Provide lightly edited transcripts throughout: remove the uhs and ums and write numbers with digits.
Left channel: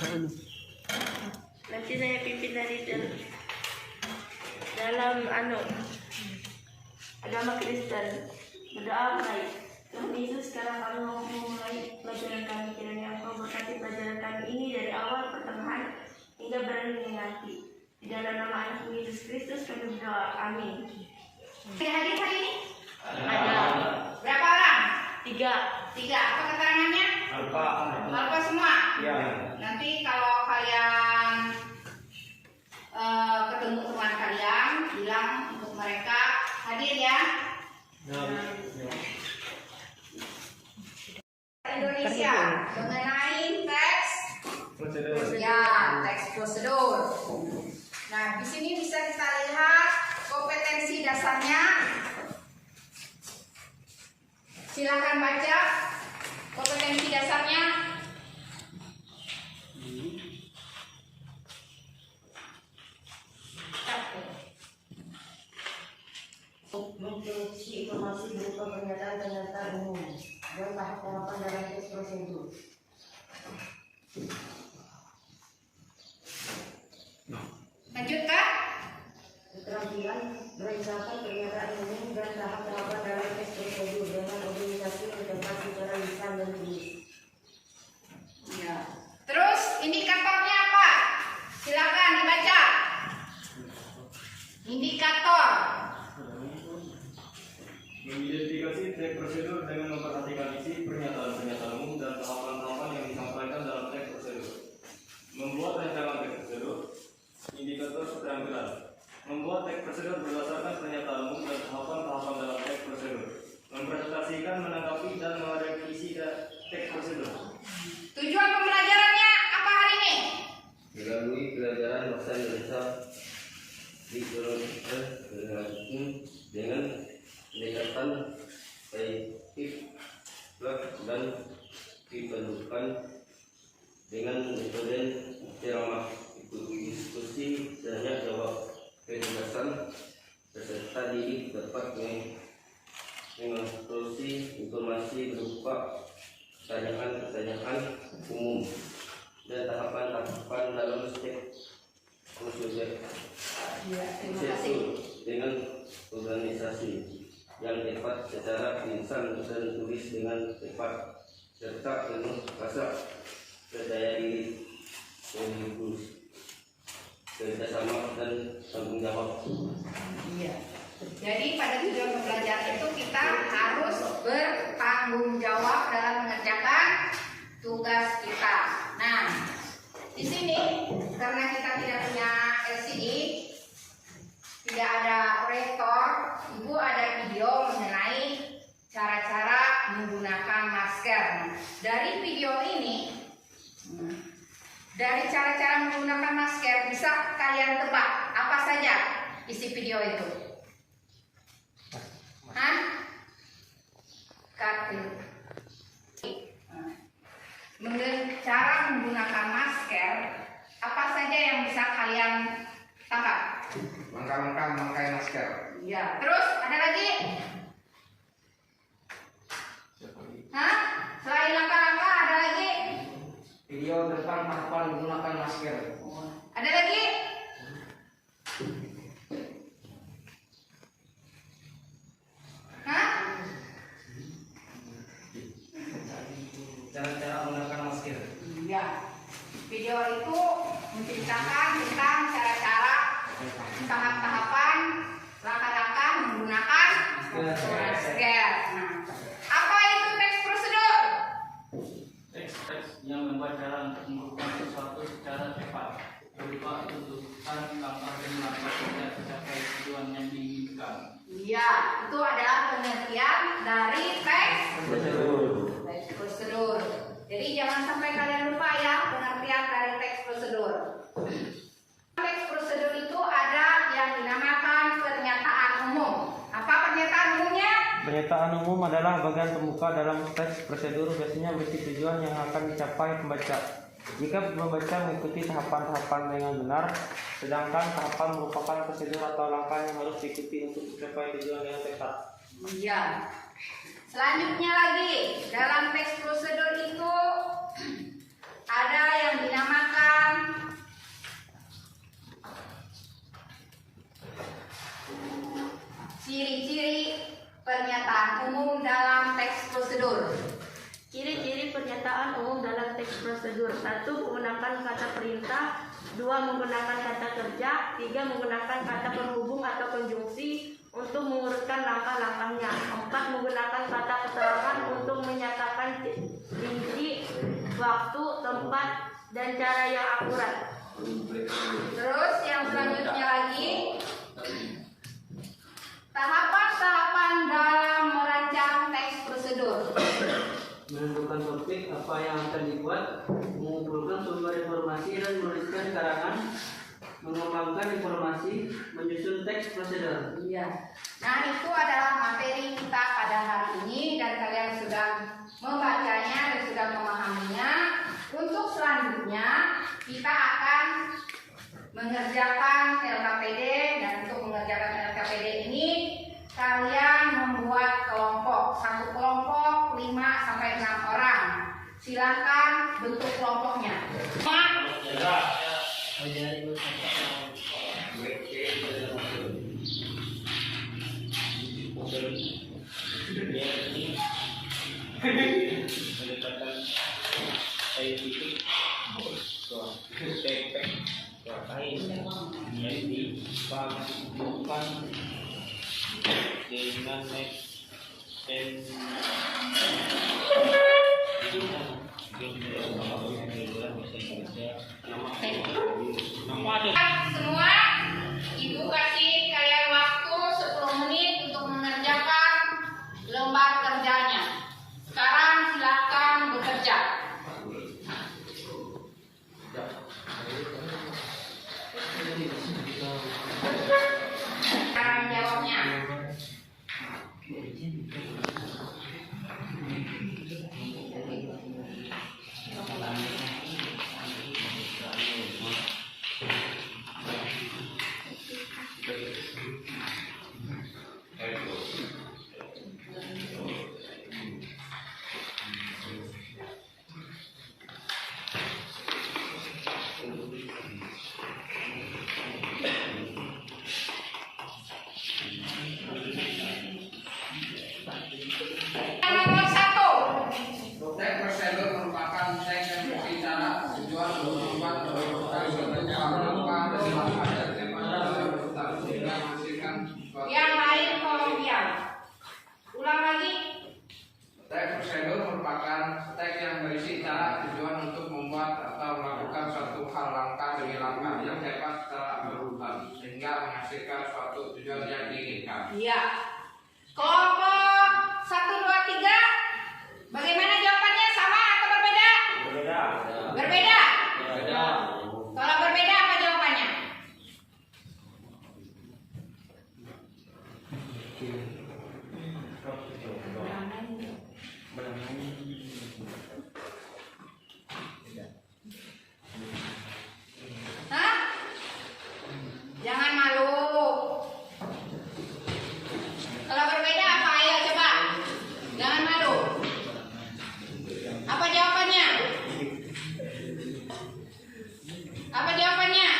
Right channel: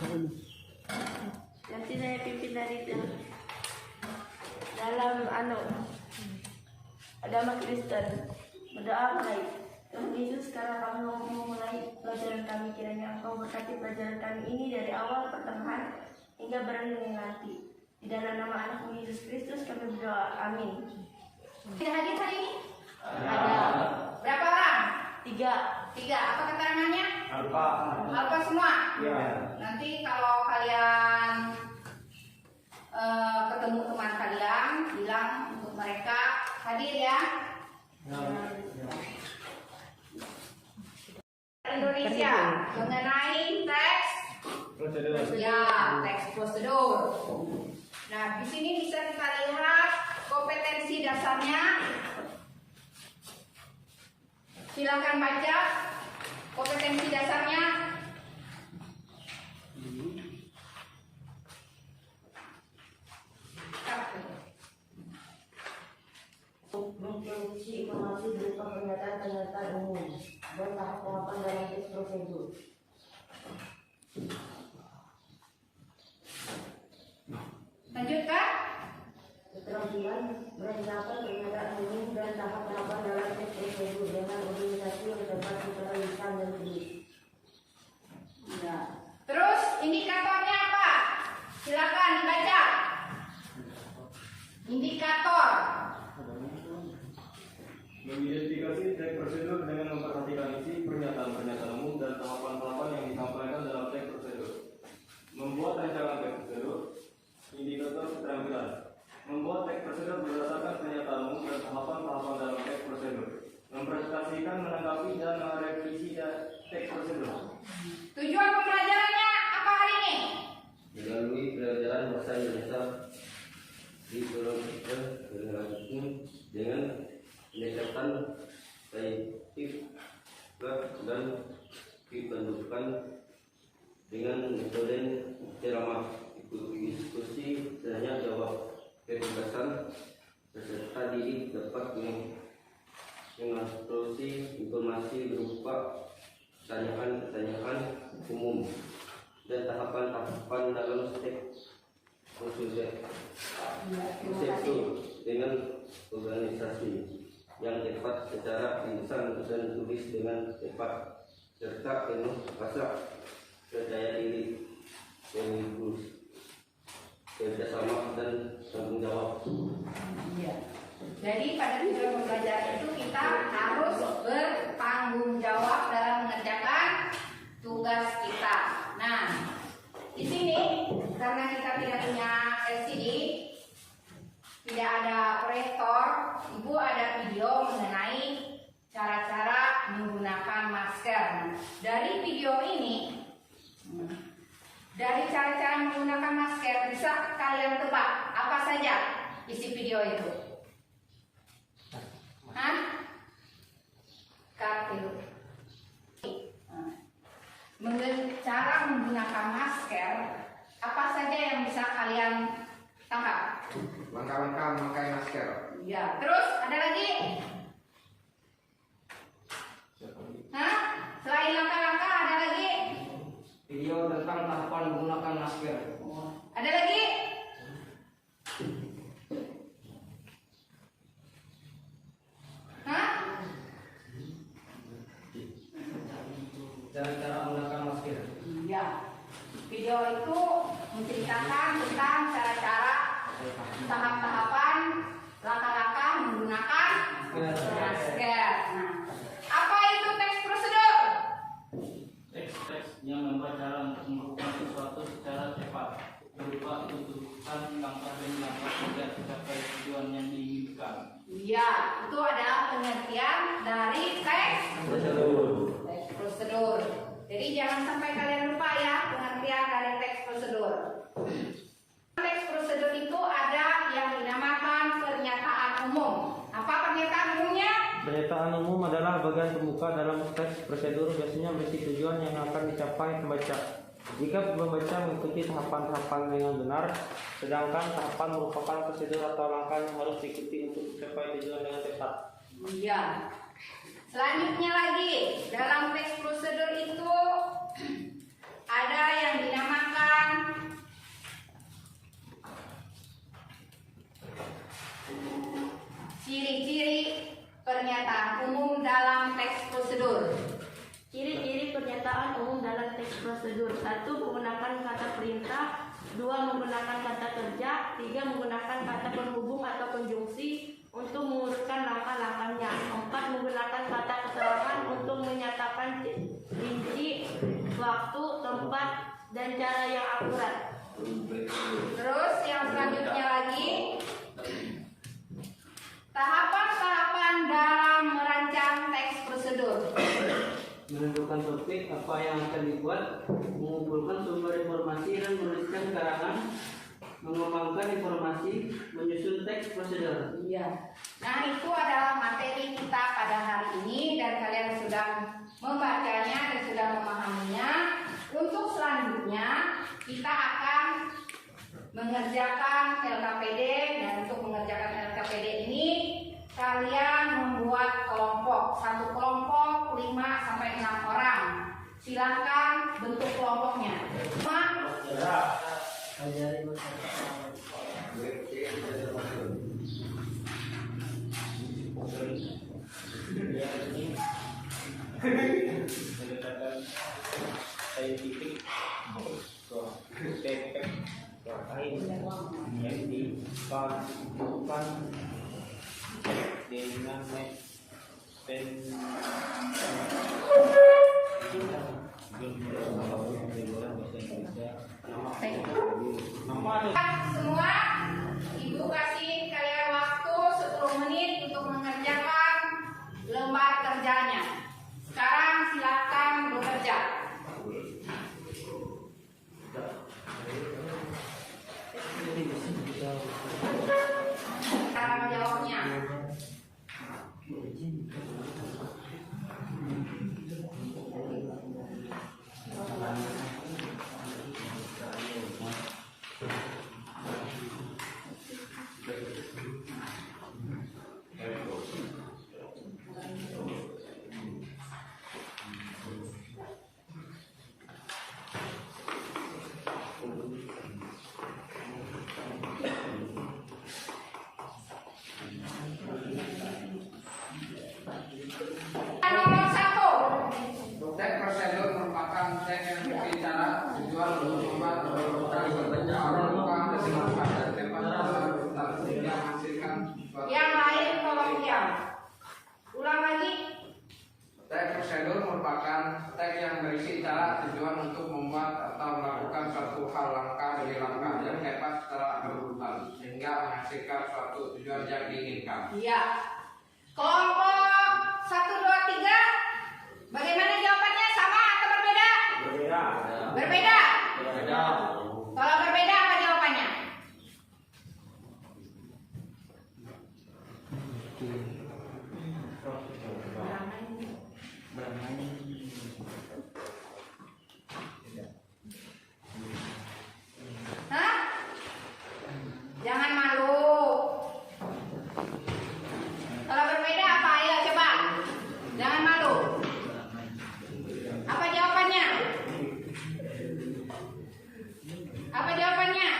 Nanti saya pimpin dari dalam agama Kristen. Berdoa baik. Tuhan Yesus, sekarang kami mau memulai pelajaran kami. Kiranya Engkau berkati pelajaran kami ini dari awal pertengahan hingga berakhir nanti. Di dalam nama Anak Yesus Kristus kami berdoa. Amin. Tidak hadir hari ini? Ada. Berapa orang? 3. Apa keterangannya? Alfa semua? Ya. Nanti kalau kalian ketemu teman kalian, bilang untuk mereka hadir ya. Indonesia mengenai teks prosedur. Nah, di sini bisa kita lihat kompetensi dasarnya. Silakan baca kompetensi dasarnya. Memproduksi informasi berupa pernyataan-pernyataan umum dan tahap-tahapan dalam tes prosedur. Lanjutkan. Keterampilan merencanakan pernyataan umum dan tahap-tahapan dalam tes prosedur dengan organisasi yang dapat secara lisan dan tulis. Ya. Terus indikatornya apa? Silakan dibaca. Indikator. Mengidentifikasi teks prosedur dengan memperhatikan isi pernyataan-pernyataan umum dan tahapan-tahapan yang disampaikan dalam teks prosedur. Membuat rancangan teks prosedur. Indikator keterampilan. Membuat teks prosedur berdasarkan pernyataan umum dan tahapan-tahapan dalam teks prosedur. Mempresentasikan, menanggapi, dan menghadapi isi teks prosedur. Tujuan pembelajarannya apa hari ini? Melalui pelajaran bahasa Indonesia di dengan pendekatan saintifik dan dipendudukan dengan metode ceramah, diskusi, tanya jawab, kecerdasan peserta didik dapat mengintroduksi informasi berupa pertanyaan-pertanyaan umum dan tahapan-tahapan dalam teks prosedur. Terima kasih. Dengan organisasi yang tepat secara lisan dan tulis dengan tepat serta penuh rasa percaya diri, sekaligus kerjasama dan tanggung jawab. Iya. Jadi pada tujuan pembelajaran itu kita harus bertanggung jawab dalam mengerjakan tugas kita. Nah, di sini karena kita tidak punya LCD, tidak ada proyektor, Ibu ada video mengenai cara-cara menggunakan masker. Nah, dari video ini, dari cara-cara menggunakan masker bisa kalian tebak apa saja isi video itu? Cara menggunakan masker, apa saja yang bisa kalian tangkap? Langkah-langkah memakai masker. Ya, terus ada lagi? Selain langkah-langkah ada lagi? Video tentang tahapan menggunakan masker. Ada lagi? Cara-cara menggunakan masker. Iya. Video itu menceritakan tentang cara-cara, tahap-tahapan, langkah-langkah menggunakan masker. Nah, apa itu teks prosedur? Teks yang membuat cara untuk melakukan sesuatu secara cepat, berupa tuntutan langkah dan langkah hingga mencapai tujuan yang diinginkan. Iya, itu adalah pengertian dari teks prosedur. Jadi jangan sampai kalian lupa ya pengertian dari teks prosedur. Teks prosedur itu ada yang dinamakan pernyataan umum. Apa pernyataan umumnya? Pernyataan umum adalah bagian pembuka dalam teks prosedur, biasanya berisi tujuan yang akan dicapai pembaca. Jika pembaca mengikuti tahapan-tahapan dengan benar, sedangkan tahapan merupakan prosedur atau langkah yang harus diikuti untuk mencapai tujuan yang tepat. Iya. Selanjutnya lagi, dalam teks prosedur itu ada yang dinamakan prosedur. 1. Menggunakan kata perintah, 2. menggunakan kata kerja, 3. menggunakan kata penghubung atau konjungsi untuk mengurutkan langkah-langkahnya, 4. menggunakan kata keterangan untuk menyatakan rinci, waktu, tempat, dan cara yang akurat. Terus yang selanjutnya lagi, tahapan-tahapan dalam merancang teks prosedur. Menentukan topik apa yang akan dibuat, mengumpulkan sumber informasi dan menuliskan karangan, mengembangkan informasi, menyusun teks prosedur. Iya. Nah, itu adalah materi kita pada hari ini dan kalian sudah membacanya dan sudah memahaminya. Untuk selanjutnya kita akan mengerjakan LKPD, dan untuk mengerjakan LKPD ini kalian membuat kelompok, satu kelompok 5 sampai 6 orang. Silakan bentuk kelompoknya. Semua, Ibu kasih kalian waktu 10 menit untuk mengerjakan lembar kerjanya. Sekarang silakan bekerja. Cara menjawabnya. Nomor 1. Teks prosedur merupakan teks yang berbicara tujuan untuk membuat Yang lain tolong diam. Ulang lagi. Teks prosedur merupakan teks yang berisi cara tujuan untuk membuat atau melakukan suatu hal langkah demi langkah yang dapat secara berurutan sehingga menghasilkan suatu tujuan yang diinginkan. Iya. Kelompok 1, 2, 3. Bagaimana jawabannya? Sama atau berbeda? Berbeda. Kalau berbeda apa jawabannya? Hah? Jangan malu. Kalau berbeda apa? Ayo coba. Jangan malu. Apa jawabannya? Apa jawabannya?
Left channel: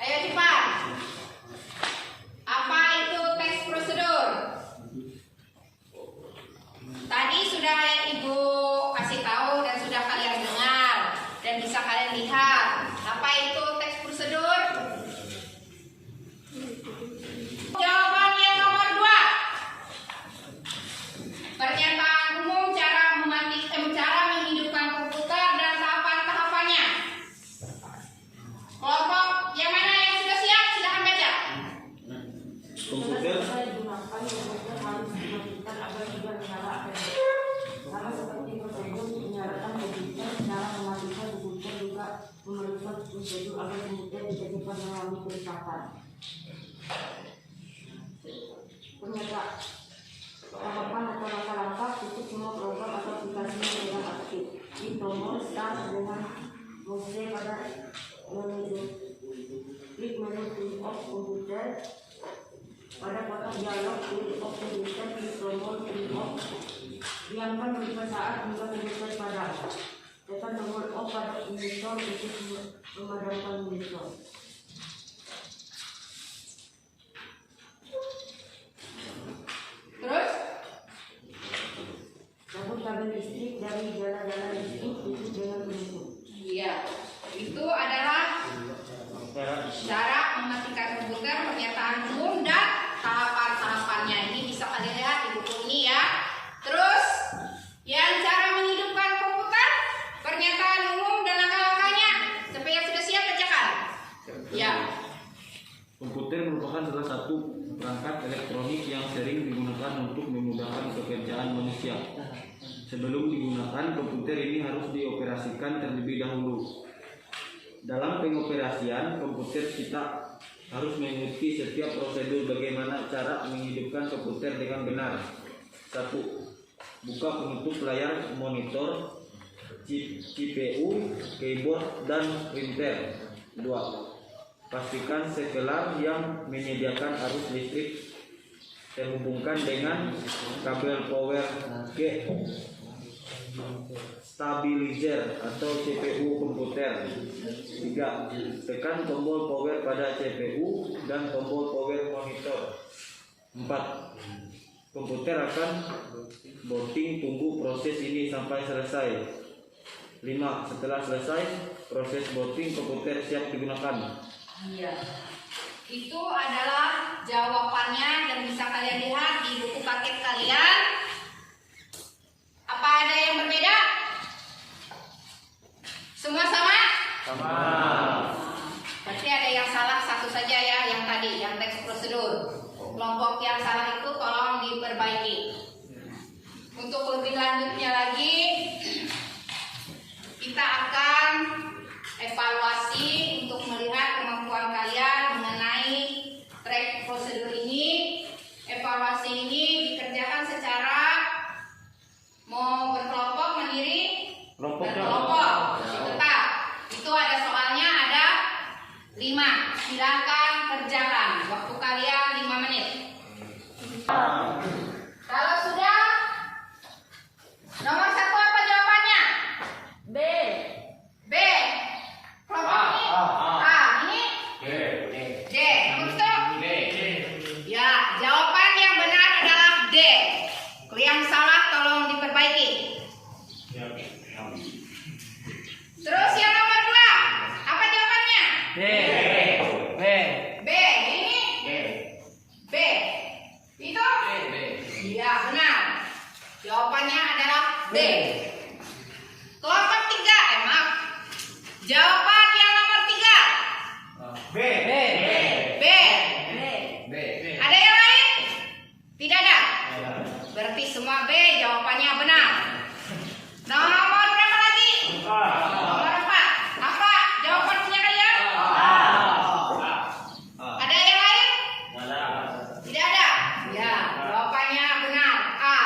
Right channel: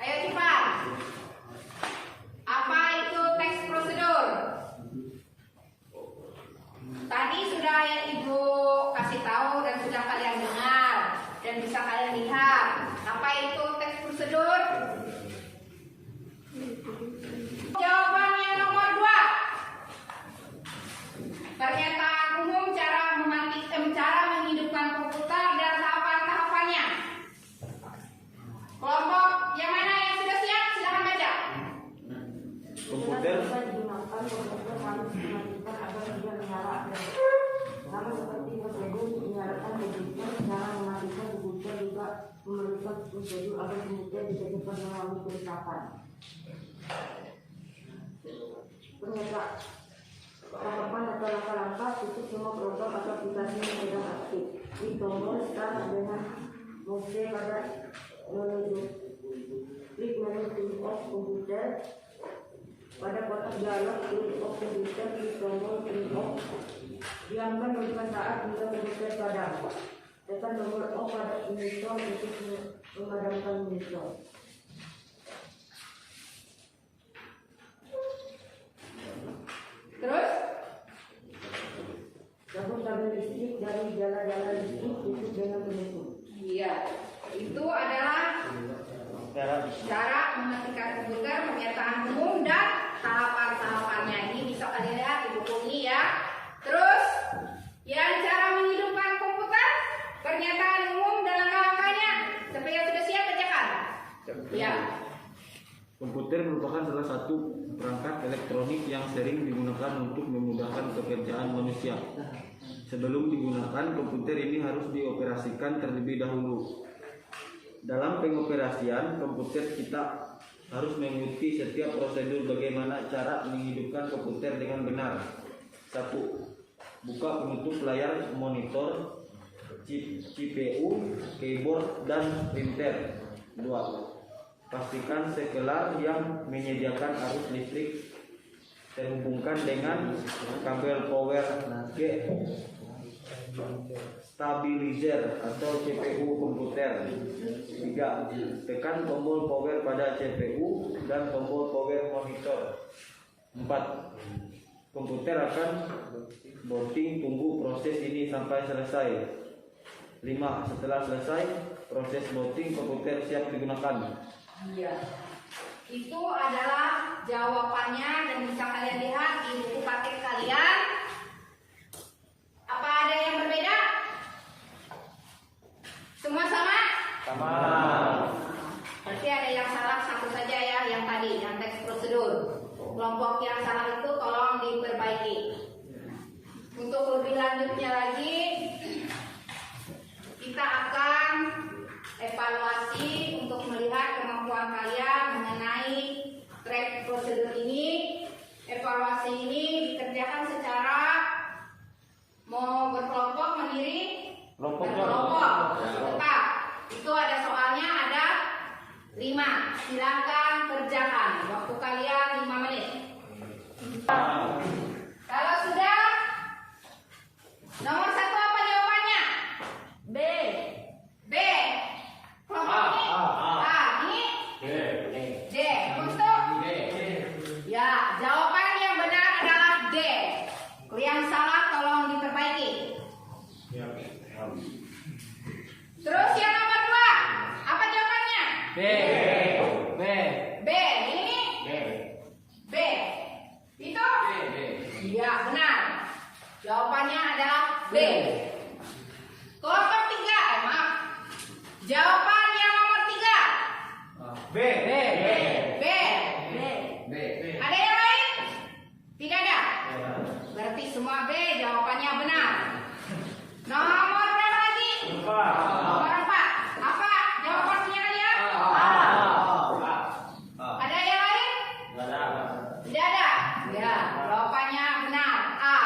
Ayo cepat. Apa itu teks prosedur? Tadi sudah Ibu kasih tahu dan sudah kalian dengar dan bisa kalian lihat. Apa itu teks prosedur? Jawaban yang nomor 2. Pernyataan umum cara menghidupkan komputer dan tahapan-tahapannya. Kelompok yang mana yang sudah siap? Silahkan baca. Komputer digunakan, komputer harus dimatikan agar tidak menyala APD. Sama seperti prosedur menyalakan komputer, cara mematikan komputer juga memerlukan prosedur agar komputer bisa cepat mengalami kerusakan. Pernyataan tahapan atau langkah-langkah tutup semua program atau aplikasi yang sedang aktif. Di tombol start dengan mouse pada menu klik menu turn off komputer. Pada kotak dialog turn off komputer, klik tombol turn off. Diamkan beberapa saat hingga komputer padam. Tekan tombol off pada install untuk memadamkan install. Terus? Cabut kabel listrik dari jalan-jalan itu tutup dengan penutup. Iya, itu adalah cara mematikan komputer, pernyataan umum dan tahapan-tahapannya. Ini bisa kalian lihat di buku ini ya. Terus yang cara menghidupkan komputer, pernyataan umum dan langkah-langkahnya. Sampai yang sudah siap bacakan. Ya. Komputer merupakan salah satu perangkat elektronik yang sering digunakan untuk memudahkan pekerjaan manusia. Sebelum digunakan, komputer ini harus dioperasikan terlebih dahulu. Dalam pengoperasian komputer, kita harus mengikuti setiap prosedur bagaimana cara menghidupkan komputer dengan benar. 1. Buka penutup layar monitor, CPU, keyboard, dan printer. 2. Pastikan sekelar yang menyediakan arus listrik terhubungkan dengan kabel power ke stabilizer atau CPU komputer. 3. Tekan tombol power pada CPU dan tombol power monitor. 4. Komputer akan booting, tunggu proses ini sampai selesai. 5. Setelah selesai proses booting, komputer siap digunakan. Iya. Itu adalah jawabannya dan bisa kalian lihat di buku paket kalian. Apa ada yang berbeda? Semua sama? Sama. Berarti ada yang salah satu saja ya, yang tadi, yang teks prosedur. Kelompok yang salah itu tolong diperbaiki. Untuk lebih lanjutnya lagi, kita akan evaluasi untuk melihat kemampuan kalian mengenai track prosedur ini. Evaluasi ini dikerjakan secara mau berkelompok, mandiri, berkelompok. Tetap. Itu ada soalnya, ada 5. Silakan kerjakan. Waktu kalian 5 menit. Kalau sudah, nomor 1 apa jawabannya? B. B. Kelompok ini? A. Ini? D. Nomor 1? Ya, jawaban yang benar adalah D. Yang salah tolong diperbaiki. Terus yang nomor 2, apa jawabannya? B. B. Ini? B. Itu? Iya, benar. Jawabannya adalah B. Kelompok 3, maaf. Jawaban yang nomor 3. B. B. Ada yang lain? Tidak ada. Berarti semua B jawabannya benar. Nomor berapa lagi? Nomor 4. Apa jawabannya kalian? Ada yang lain? Tidak ada. Ya, jawabannya benar. A.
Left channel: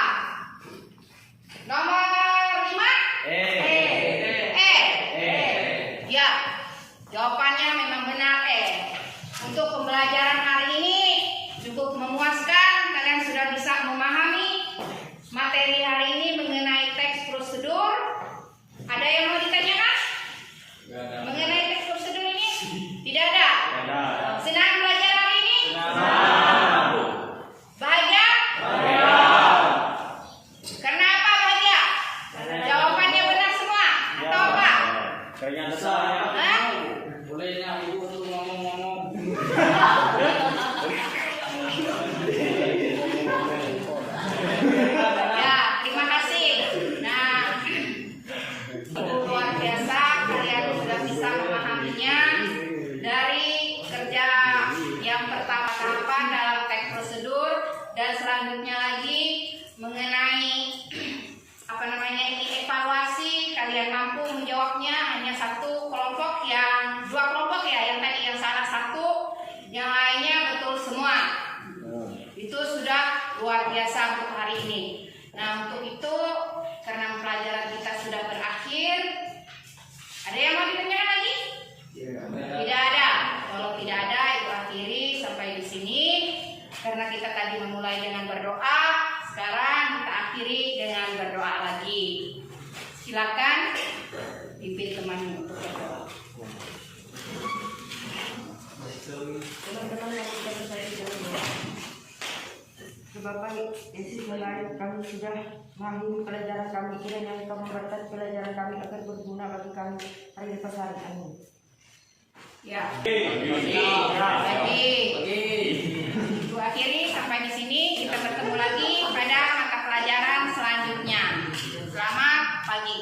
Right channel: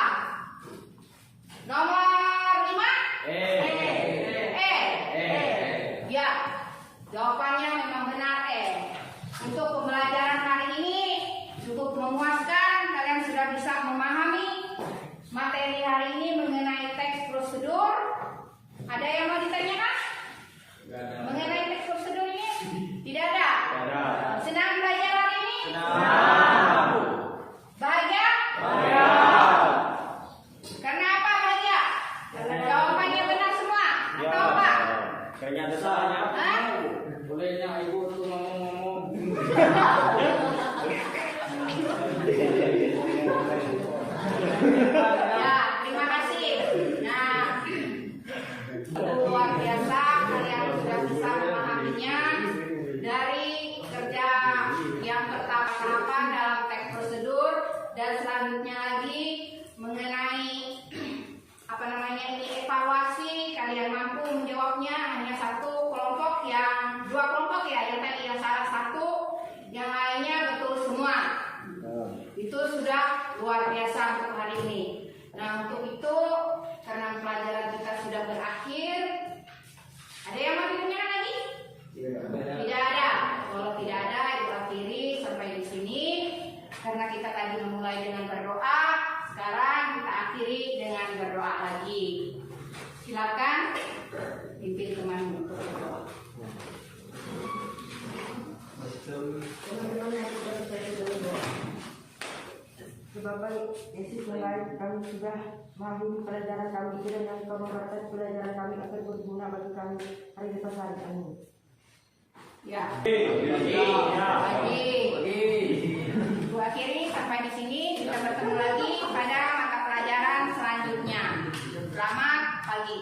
Nomor 5? Ya, jawabannya memang benar Untuk pembelajaran hari ini cukup memuaskan. Kalian sudah bisa memahami materi hari ini mengenai teks prosedur. Ada yang mau ditanyakan? Mengenai teks prosedur ini? Tidak ada. Senang belajar hari ini? Bahagia? Karena apa bahagia? Jawabannya benar semua atau apa? Kayaknya saya. Hah? Bolehnya ibu untuk ngomong-ngomong. Ya, terima kasih. Nah, luar biasa kalian sudah bisa memahaminya dari kerja yang pertama tahapan dalam teks prosedur dan selanjutnya lagi mengenai ini evaluasi. Kalian mampu menjawabnya hanya 2 kelompok ya, yang tadi yang salah 1, yang lainnya betul semua. Itu sudah luar biasa untuk hari ini. Nah, untuk itu karena pelajaran kita sudah berakhir, ada yang mau ditanyakan lagi? Tidak ada. Kalau tidak ada, itu akhiri sampai di sini. Karena kita tadi memulai dengan berdoa, sekarang kita akhiri dengan berdoa lagi. Silakan pimpin temanmu untuk berdoa. Teman-teman yang kita bisa dalam doa. Bapak Yesus yang lain, kami sudah memahami pelajaran kami, kiranya Engkau memberkati pelajaran kami agar berguna bagi kami hari lepas hari. Amin. Ya. Ya. Ibu akhiri sampai di sini, kita bertemu lagi pada mata pelajaran selanjutnya. Selamat pagi.